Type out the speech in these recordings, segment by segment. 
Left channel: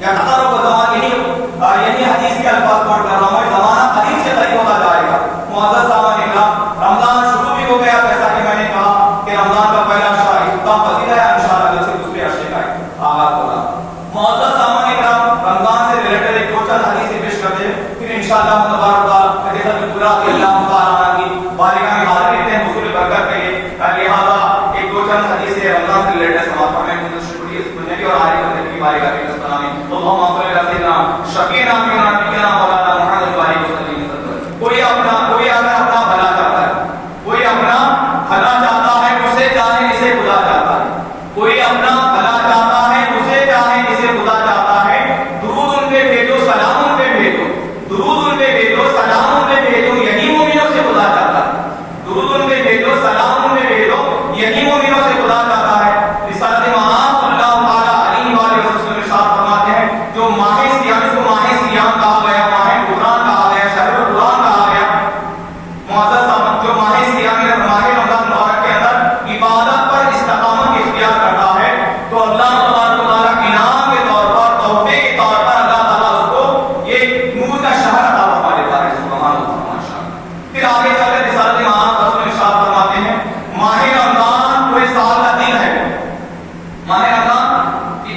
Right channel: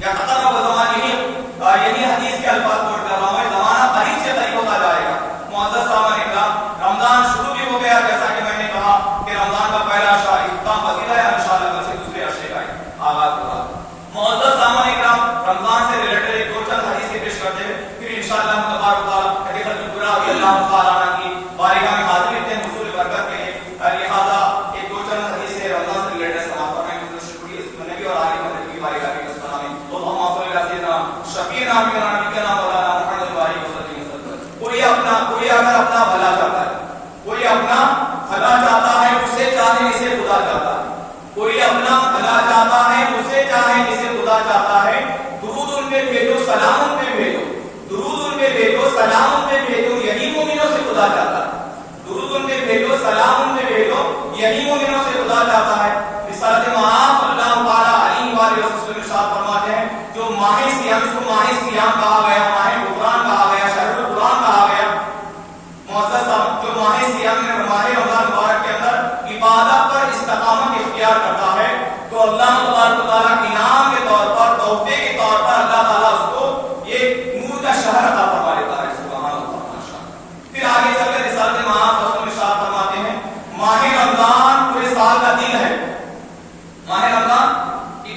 یا تقرب زمان یعنی حدیث کے الفاظ پڑھ کر رہا ہوں، زمانہ قریب سے قریب ہوتا جائے گا. معزز سامعین اکرام، رمضان شروع بھی ہو گیا، جیسا کہ میں نے کہا کہ رمضان کا پہلا اشرا اختتام پذیر ہے، انشاءاللہ کل سے دوسرے اشرے کا آغاز ہوگا. معزز سامعین اکرام، رمضان سے ریلیٹڈ ایک دو چند حدیثیں پیش کرتے ہیں، پھر انشاءاللہ تبارک تعالیٰ حدیث الکبریٰ رضی اللہ تعالیٰ عنہ کی بارگاہ میں حاضر رہتے ہیں حصول برکت کے لیے. لہٰذا ایک دو چند حدیثیں رمضان سے ریلیٹڈ سماعت فرمائیں گے سننے کی اور آنے والے کی بارگاہ کے نسبت میں. اللہم صلی علی سیدنا شفیعنا و نبینا مولانا محمد و علیہ وسلم. کوئی اگر اپنا بھلا چاہتا ہے، کوئی اپنا بھلا چاہتا ہے، اسے چاہے جسے خدا چاہتا ہے. کوئی اپنا بھلا چاہتا ہے، اسے چاہے جسے خدا چاہتا ہے. درود ان پہ بھیجو، سلام ان پہ بھیجو، درود ان پہ بھیجو، سلام ان پہ بھیجو، یہی مومنوں سے خدا چاہتا ہے. درود ان پہ بھیجو، سلام ان پہ بھیجو، یہی مومنوں سے خدا چاہتا ہے. رسالت مآب صلی اللہ علیہ وآلہ وسلم ارشاد فرماتے ہیں جو ماہ سیام، اس کو ماہ سیام کہا گیا، ماہ قرآن کہا گیا، شہر القرآن کہا گیا. معزز صاحب، جو ماہ سیام میں ماہ رمضان مبارک کے اندر عبادت پر استقامت اختیار کرتا ہے تو اللہ تبارک و تعالیٰ انعام کے طور پر، تحفے کے طور پر اللہ تعالیٰ اس کو ایک نور کا شہر عطا فرما دیتا ہے. سبحان اللہ، ماشاءاللہ. پھر آگے چل کر رسالت مآب رسول ارشاد فرماتے ہیں ماہ رمضان پورے سال کا دن ہے. ماہ رمضان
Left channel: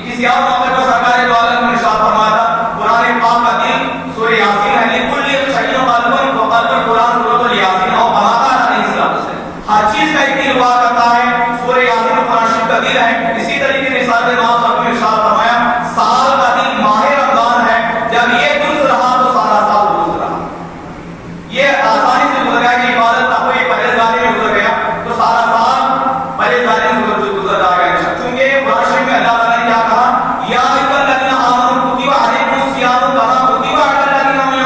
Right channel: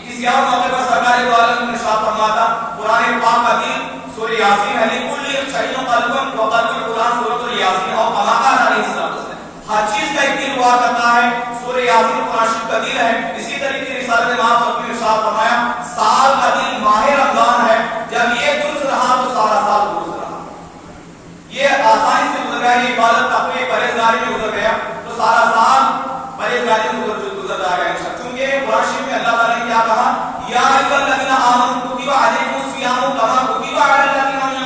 کسی اور موقع پر سرکار دو عالم نے ارشاد فرمایا تھا قرآن پاک کا دن سورہ یاسین ہے. لکل شیء قلب وقلب القرآن سورۃ یاسین اور کما کان علیہ السلام سے ہر چیز کا ایک دل ہوا کرتا ہے. سورہ یاسین قرآن شریف کا دل ہے. اسی طریقے سے رسالت مآب صلی نے ارشاد فرمایا سال کا دن ماہ رمضان ہے. جب یہ درست رہا تو سارا سال درست رہا. یہ آسانی سے گزر گیا، یہ عبادت تقوی پرہیزگاری میں گزر گیا تو سارا سال پرہیزگاری میں گزر جائے گا. چونکہ قرآن شریف میں اللہ تعالیٰ نے کیا کہا یا ایھا الذین آمنوا کتب علیکم الصیام کما کتب علی الذین من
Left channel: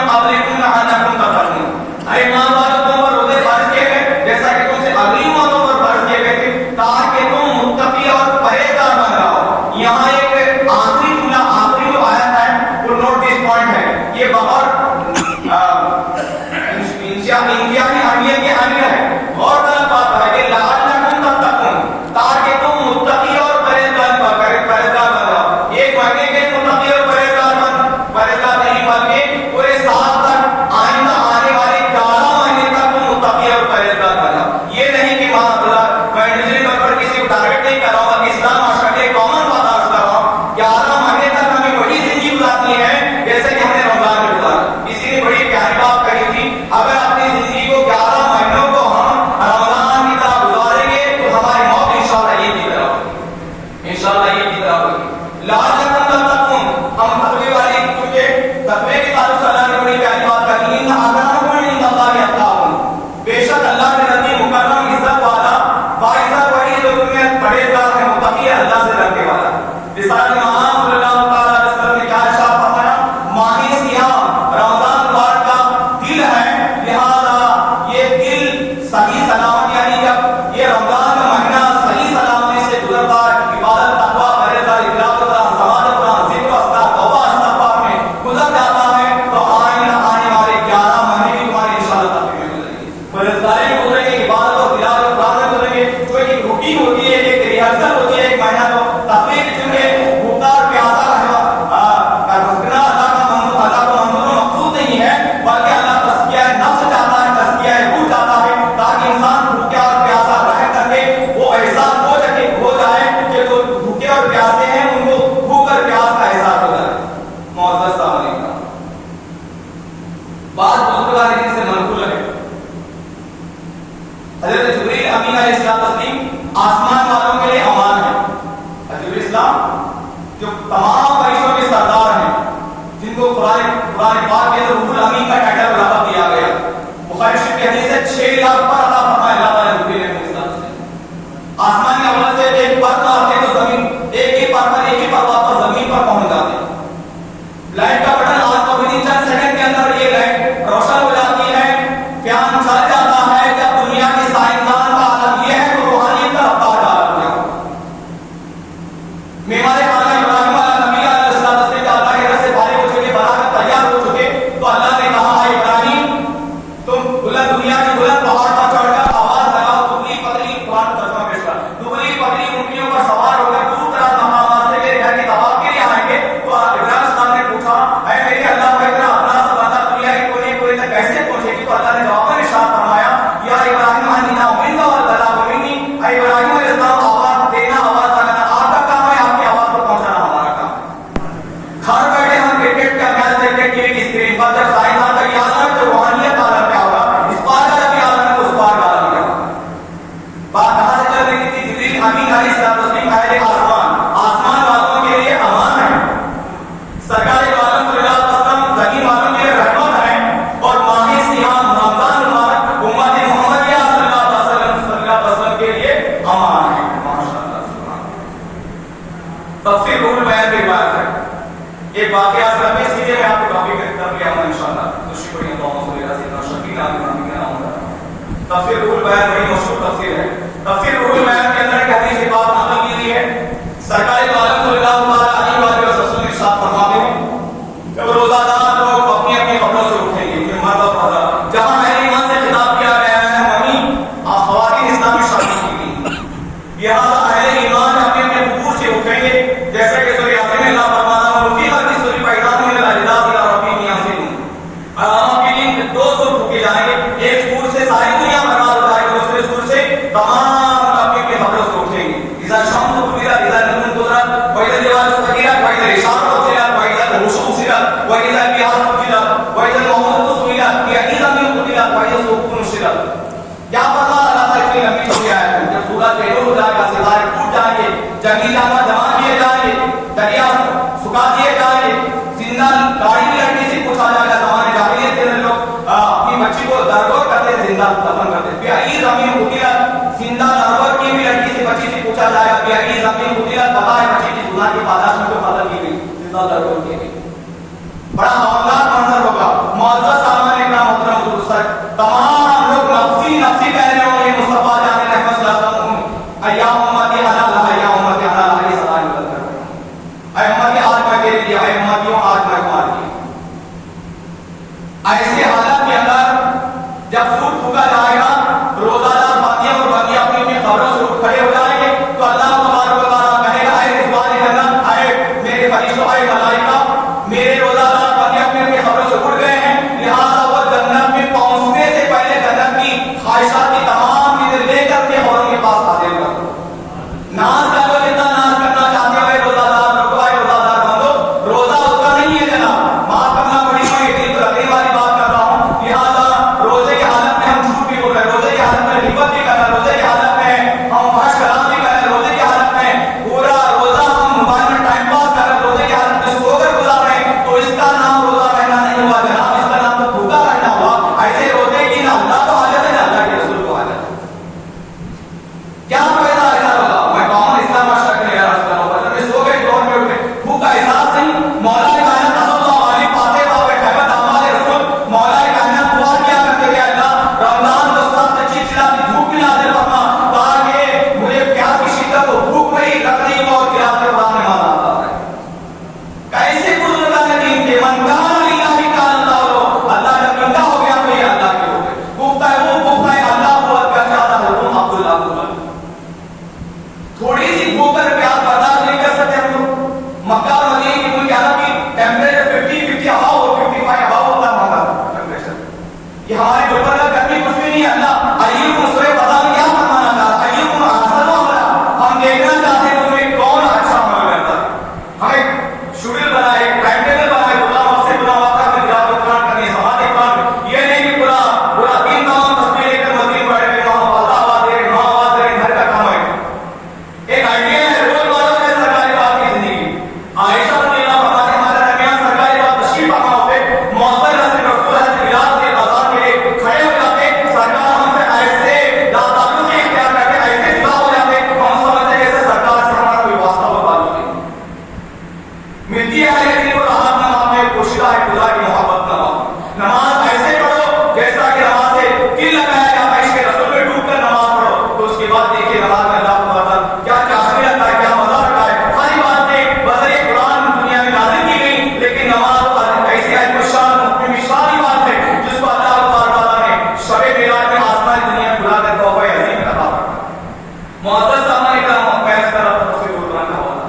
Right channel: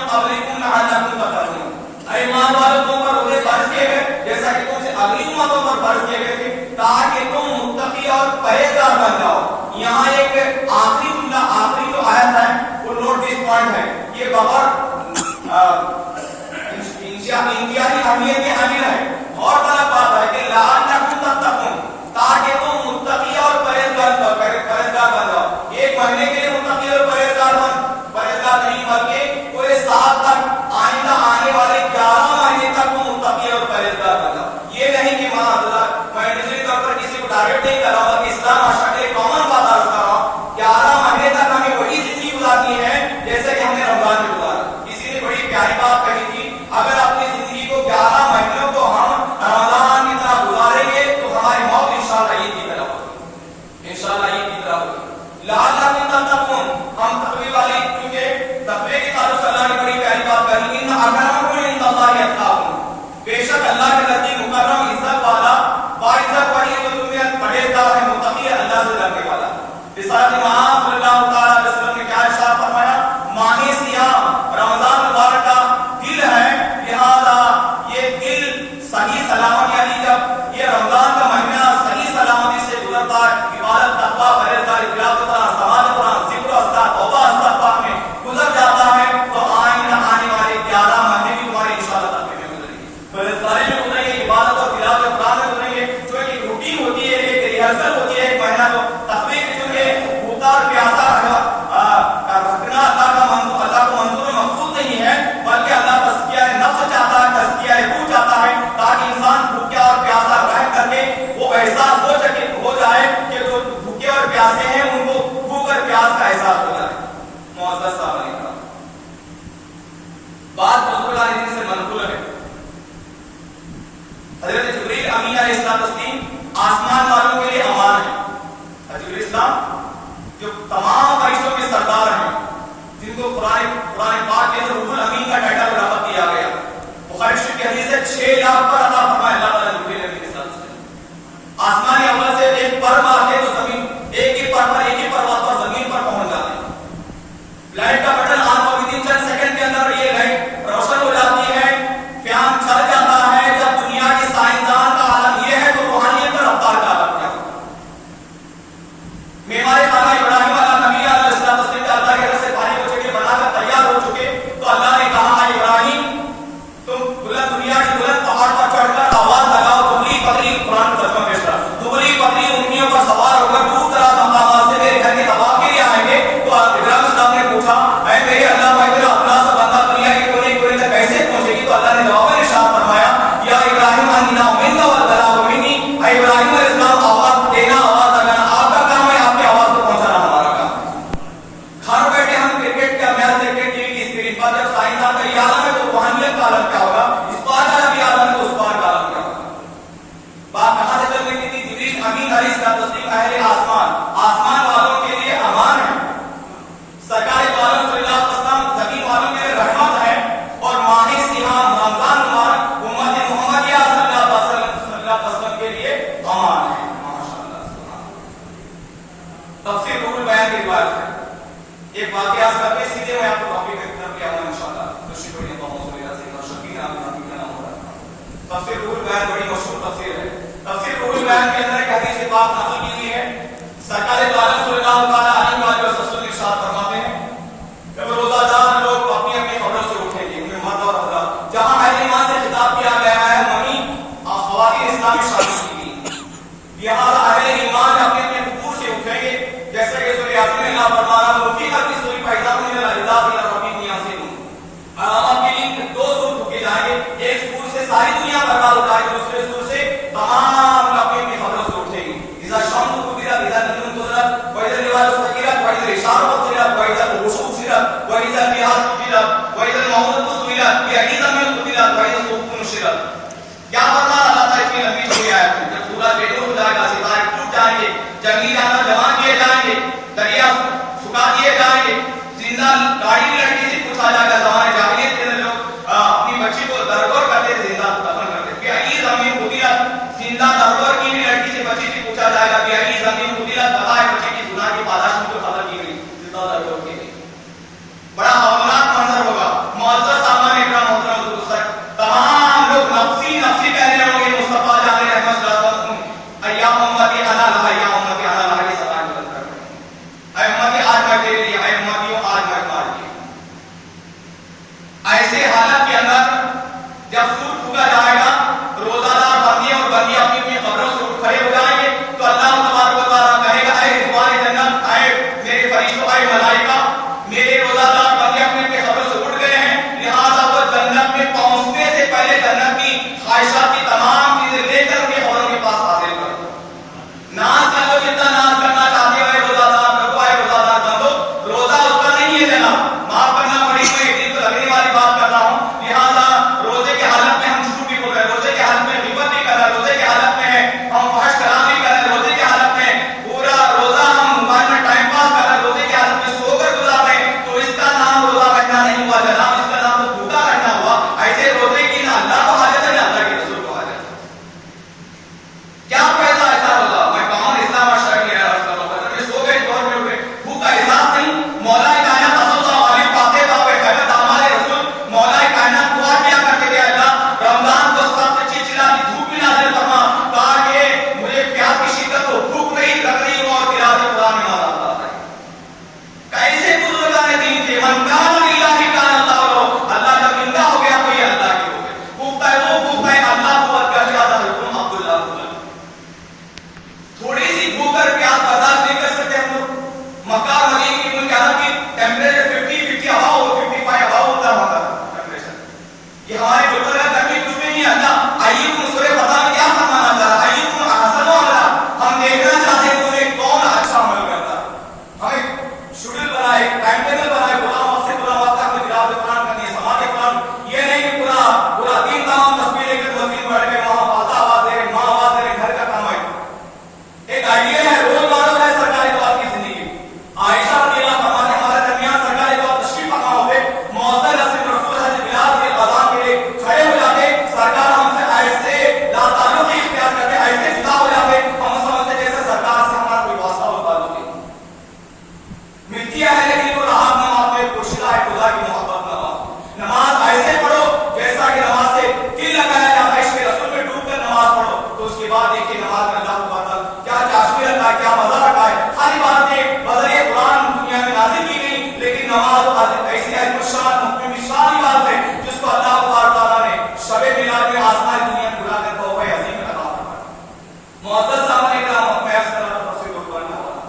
گھر بیٹھے ہم کرکٹ کا میچ دیکھتے ٹی وی کی اسکرین پر، جب سائنس آتا ہے یاد آنا تو روحانیت کا عالم کیا ہوگا، اس بات کا بھی یاد آنا تو اس بات کا عالم کیا ہوگا. بات کہاں سے چل رہی تھی؟ جبریل امین علیہ السلام اہل آسمان والوں کے لیے امان ہے، سرکار دو عالم صلی اللہ علیہ وسلم زمین والوں کے لیے رحمت ہے، اور ماہ سیام رمضان مبارک امت محمدیہ صلی اللہ علیہ وسلم کے لیے امان ہے. ماشاءاللہ سبحان اللہ. تفسیر روح البیان کی روایت ہے. ایک واقعہ سے میں سیدھے میں آپ کو ٹاپک کر لیا ہوں انشاءاللہ. تو شکریہ اللہم صلی اللہ علیہ وسلم. شکریہ آپ نام کیا نام ہوتا. تفسیر روح البیان بڑی مشہور تفسیر ہے. تفسیر روح البیان کے اندر ایک حدیث کی بات نقل کی گئی ہے. سرکار دو عالم صلی اللہ علیہ وسلم ارشاد فرماتے ہیں جب روزہ دار لوگ اپنی اپنی قبروں سے اٹھیں گے، مرد اور عورت، جہاں اہل ایمان سے خطاب کیا گیا ہے وہیں خواتین اسلام میں شامل کی گئی. لہٰذا اہل ایمان اپنے اپنے قبور سے اٹھیں گے، جیسے کہ سورہ یاسین میں اللہ فرماتا ہے مفی حدیث سوری پیدا میں الاجداث الى ربهم ينسلون. آپ کے لیے دو سور پھونکے جائیں گے، ایک سور سے ساری دنیا برباد ہو جائے گی، دوسرے سور سے تمام اپنے اپنے قبروں سے اٹھیں گے. اذا الشمس كورت، اذا النجوم كدرت، واذا الجبال سيرت، واذا العشار عطلت، واذا الوحوش حشرت، واذا البحار سجرت، واذا الموءودة سئلت بأي ذنب قتلت، واذا الصحف نشرت. کیا فرما اللہ تعالیٰ اتنی لمبی چھوڑی آیت ہے. جب سورج بے نور ہو جائے گا، ستارے ٹوٹ جائیں گے، جنگلی جانور جمع کیے جائیں گے، دریا سکھا دیے جائیں گے، زندہ گاڑی کی لڑکی سے پوچھا جائے گا. زمانے جاہلیت کے لوگ اپنی بچی کو درگور کرتے تھے، زندہ دفن کرتے. بأي ذنب قتلت، زندہ درگور کی بھی لڑکی سے بچی سے پوچھا جائے گا بأي ذنب قتلت، بتائے بچی کی گناہ کی پاداش میں جو قتل کی گئی زندہ درگور کے لیے. بڑا ہولناک منظر ہوگا. معزز سامان اکرام محترم حضور تمام لوگ نفسی نفسی کہنے لگیں گے. مصطفیٰ جان رحمت صلی اللہ علیہ وسلم ایا امتی انا لا یا امتی انا لا کی صدا نکلتا ہے. اے امتی آج میں تیرے لیے، اے امتیوں آج میں تمہارے لیے. ایسے حالت کے اندر جب سور پھونکا جائے گا، روزہ دار بندی اور بندی اپنی اپنی قبروں سے اٹھ کھڑے ہو جائیں گے، تو اللہ تبارک و تعالیٰ کہے گا اے رضوان جنت، اے میرے فرشتوں، اے ملائکہ، میرے روزہ دار بندے اپنے اپنے قبروں سے اٹھ گئے ہیں، لہٰذا وہ جنت میں پہنچنے سے پہلے جنت کی خواہشات کی تمام چیزیں لے کر کے اور ان کے پاس حاضر کر دو. ناز کر لو جتنا ناز کرنا چاہتے ہو. اے روزہ دار لوگو، اے روزہ دار بندو، روزہ اس کا نہیں ہے لینا، معاف کرنا پڑے گا. ایک دن تو لگنے والی بات کرتا ہوں. لہٰذا روزے کے حالت میں ہم جھوٹ بھی بول رہے ہیں، روزے کے حالت میں غیبت بھی کر رہے ہیں، روزے کے حالت میں ہم فحش کلام بھی کر رہے ہیں، روزے کے حالت میں پورا روزہ ہم موبائل میں ٹائم پاس کر رہے ہیں، روزے کے حالت میں سو کر گزار رہے ہیں. تو اس کا نام روزہ رکھنا نہیں ہوا جناب، اس کا نام تو بھوکا رہنا ہوا. ایسے روزے کی نہ اللہ کو حاجت ہے نہ اللہ کے رسول کو حاجت ہے. کیا فائدہ ایسا روزہ؟ میں کامن اسلام اور شرک میں عرض کر رہا ہوں. میں سو گئے دور میں اٹھے، بھوک کا احساس نہیں. مولا کائنات صلی اللہ علیہ پاتے پاپے خیرت ہمارے رسول مولا کائنات دعا کیا کرتے کہ اللہ رمضان کو سخت چچلاتی دھوپ بھی نازل فرما تاکہ مجھے پیاس کی شدت ہو، بھوک نہیں لگ رہی ہو اور قرات قرآن میں مانا آتا ہے. کیسے بزرگان دین کے من کان للہ کان اللہ لو، اللہ جب بندہ ہو گیا تو یہ اللہ کے ہو گئے. بھوکتا ہے وہ بھوکتا ہے اللہ کو اکبر چاہتا ہے تم عبداللہ کو. تھوڑی سی بھوک کر پیاس برداشت نہیں کر سکتے ہم لوگ. مکہ اور مدینے کی ملک عرب کی ٹیمپریچر 50 ہوا ہو 55 ہوا ہوتا ہے وہاں کا ٹیمپریچر. یہ ہماری گلبرگہ کا گرمی کچھ بھی نہیں ہے. اللہ ایوکم سورہ فتح میں کیا فرمانا چاہتا ہے؟ ایوکم احسن عملا، ہم دیکھنا چاہتے ہیں تمہیں کون اچھا عمل کرتا ہے. ہمیں شیڈول بنائے، ٹائم ٹیبل بنائے، پورا وقت سے پورا وقت تک تلاوت قرآن کرنی، سماعت قرآن. یہ نہیں کہ پورا دن تمام تصویر لے کر مسجد بیٹھ کے وہاں اللہ آواز دے ماں آواز دے، گھر کا کام ہے. ایک آئیڈیا ہے روز مارو ہے سرکاری بات کی زندگی. عائشہ رضی اللہ فرماتے ہیں ہمارے درمیان سرکاری بات تشریف فرما ہوتے، مؤذن حضرت رسول حضرت بلال کے اذان کے لیے کھڑے ہو جاتے، سرکار ہم سے ایسے لاتعلقی اختیار کرتے، ایسے جدا ہو جاتے، ہم سمجھتے جیسے سرکار سے ہمارا کوئی واسطہ و تعلق نہیں. ملتی ہے لیکن وہ راحت نہ آپ میں پوشیدہ ہے خدا کی محبت نہ. نماز ایسے پڑھو جیسا کہ نماز سے دل لگایا جاتا ہے، اس کے رسول میں ڈوب کر نماز پڑھو. تو اس کے بعد دیکھیے نماز میں اللہ کو کیا چاشنی لگتا ہے، کیا مزہ لگتا ہے. ساری باتیں بذریعہ قرآن دنیا میں نازل کی گئی، لیکن نماز ایسی ہے شان بات ہے جس کو اللہ تعالیٰ نے شب معراج میں آسمانی دنیا میں بلا کر توبہ عظیم عطا فرمایا. معزز سامان اکرام میں اس طرح تفسیر قرآن کا حوالہ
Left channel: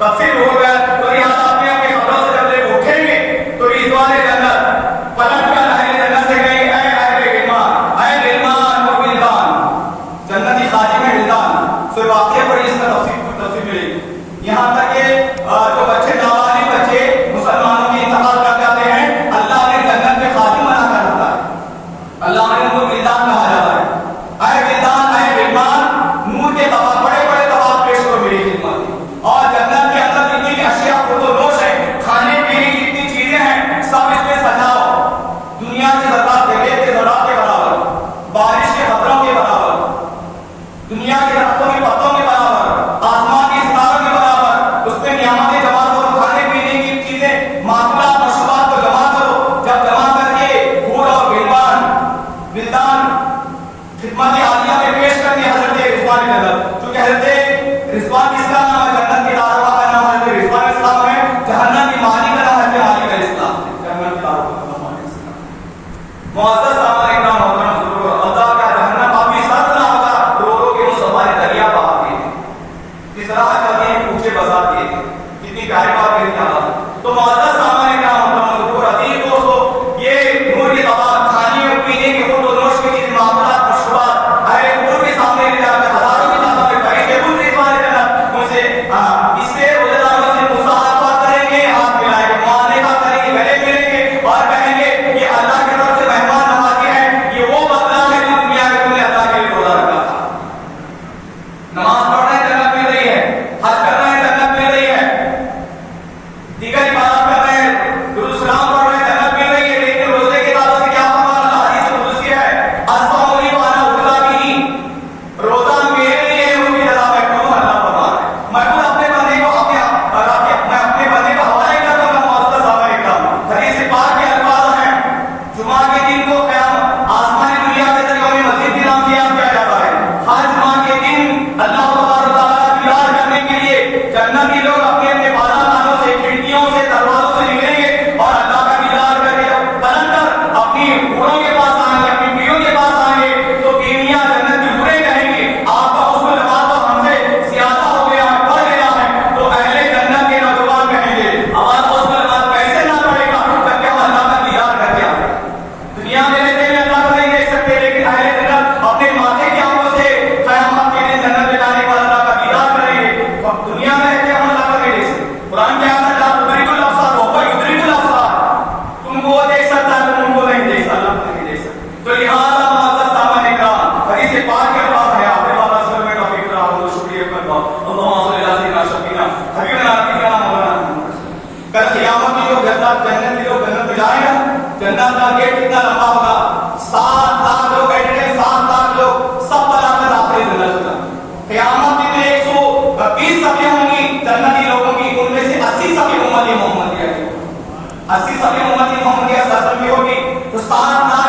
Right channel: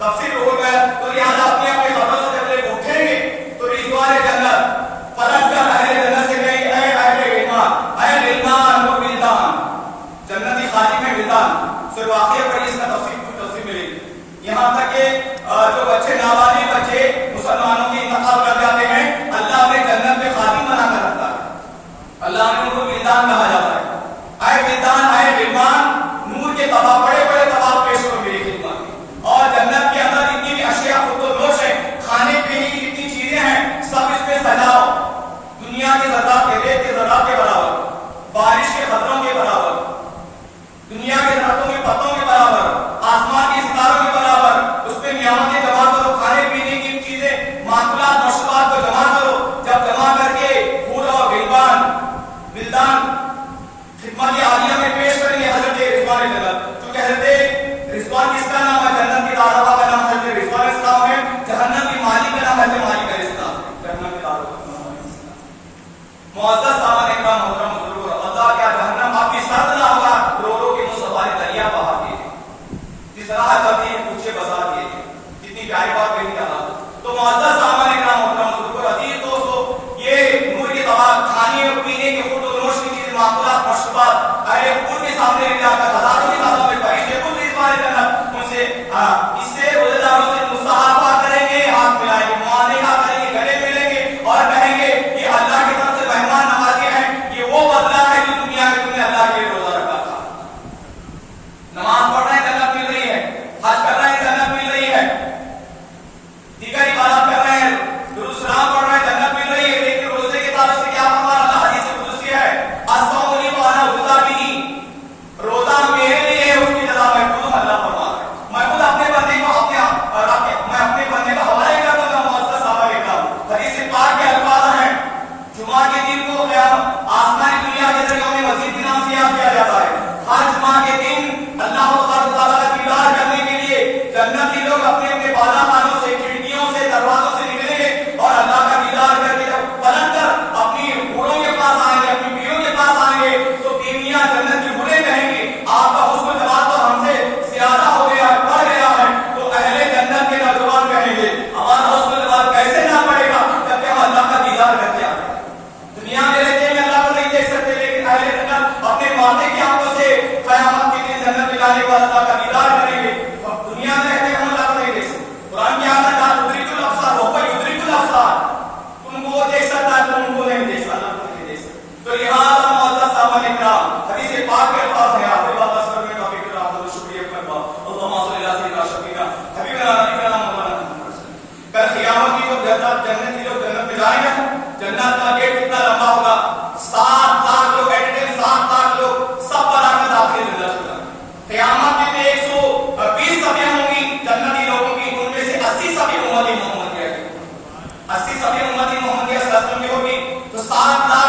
تفسیر ہو گیا. تو لہٰذا اپنے اپنے قبروں سے جب لوگ اٹھیں گے تو رضوان جنت پلٹ کر اہل جنت سے کہیں گے اے اہل ایمان، اے کر عبادت کر رہے ہیں، درود سلام پڑھ رہے ہیں، جنت مل رہی ہے، لیکن روزے کے بعد اسے کیا فرمانا؟ اللہ حدیث قدسی ہے، الصوم لی وانا اجزا بہ، روزہ میرے لیے ہے، اس کی جزا میں خود اللہ فرما رہا ہے۔ میں خود اپنے بندے کو میں اپنے بندے کا حوالے کرتا ہوں، معزز صحابہ کرام، حدیث پاک کے الفاظ ہیں، جمعہ کے دن کو قیام آسمانی دنیا کے اندر یوم مسجد کے نام سے یاد کیا جاتا ہے۔ ہر جمعہ کے دن اللہ تعالیٰ کا دیدار کرنے کے لیے جنتی لوگ اپنے اپنے بالا خانوں سے، کھڑکیوں سے، دروازوں سے نکلیں گے اور اللہ کا دیدار کر کے جب پلٹ کر اپنی حوروں کے پاس آئیں گے، اپنی بیویوں کے پاس آئیں گے، تو بیویاں جنت کی حوریں کہیں گے آپ کا حسن نماز تو ہم سے زیادہ ہو گیا ہے، بڑھ گیا ہے۔ تو اہل جنت کے نوجوان کہیں گے ہمارا حسن نماز کیسے نہ بڑھے گا جبکہ ہم اللہ کا دیدار کر کے آئے۔ دنیا میں رہتے ہوئے اللہ کو نہیں دیکھ سکتے، لیکن اہل جنت اپنے ماتھے کی آنکھوں سے قیامت کے دن جنت میں جانے کے بعد اللہ کا دیدار کریں گے۔ دنیا میں رہتے ہم اللہ کو نہیں دیکھ سکتے۔ قرآن کے اندر لا تدرک الابصار وهو يدرك الابصار، تم کو وہ دیکھ سکتا ہے، تم ان کو نہیں دیکھ سکتا، اللہ کو نہیں دیکھ سکتے۔ تو لہٰذا معزز صحابہ کرام، حدیث پاک کے الفاظ ہیں، آپ بات اصل میں توفیق اللہ کو شکریہ کرتا ہوں۔ اللهم صل علی سیدنا شفیعنا حبیبنا نبینا مولانا۔ کل قیامت کی جو جنت کی جو جنت میں جائیں گے، جنت کا گیٹ کتنا لمبا ہوگا؟ 7 لاکھ لوگ بیٹھے ہیں، 7 لاکھ لوگ سب بلا کر داخل جنت ہوگا۔ قیامت میں 120 صفیں ہوں گی جنتی لوگوں کی، ان میں سے 80 صفیں امتی محمدیہ کی، 80 صفیں امتی محمدیہ سرزمین کی ہوگی، تو 7 لاکھ